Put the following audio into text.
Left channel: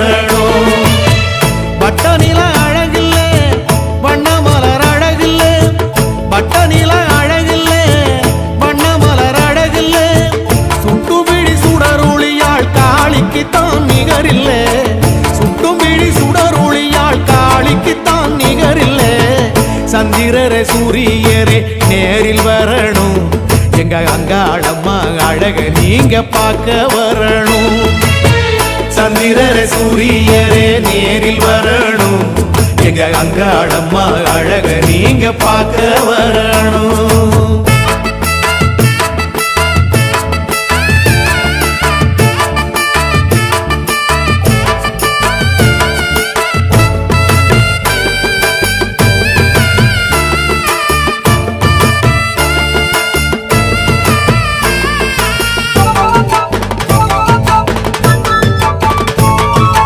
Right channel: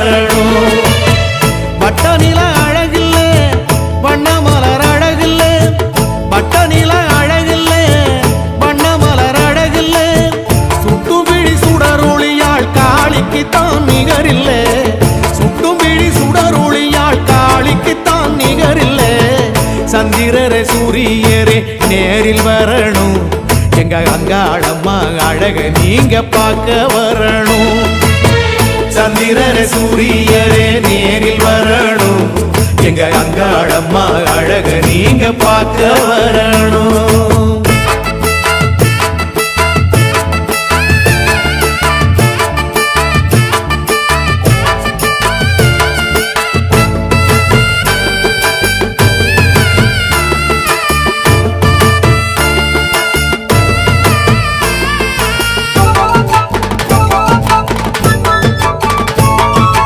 வரணும். பட்ட நில அழகில்ல வண்ண மலர் அழகில்ல, பட்ட நில அழகில்ல வண்ண மலர் அழகில்ல, சுட்டும் விழி சுடரொளியாள் காளிக்குத்தான் நிகரில்ல, சுட்டும் விழி சுடரொளியாள் காளிக்குத்தான் நிகரில்ல. சந்திரரே சூரியரே நேரில் வரணும், எங்க அங்காளம்மா அழக நீங்க பார்க்க வரணும். சந்திரரே சூரியரே நேரில் வரணும், எங்க அங்காளம்மா அழக நீங்க பார்க்க வரணும்.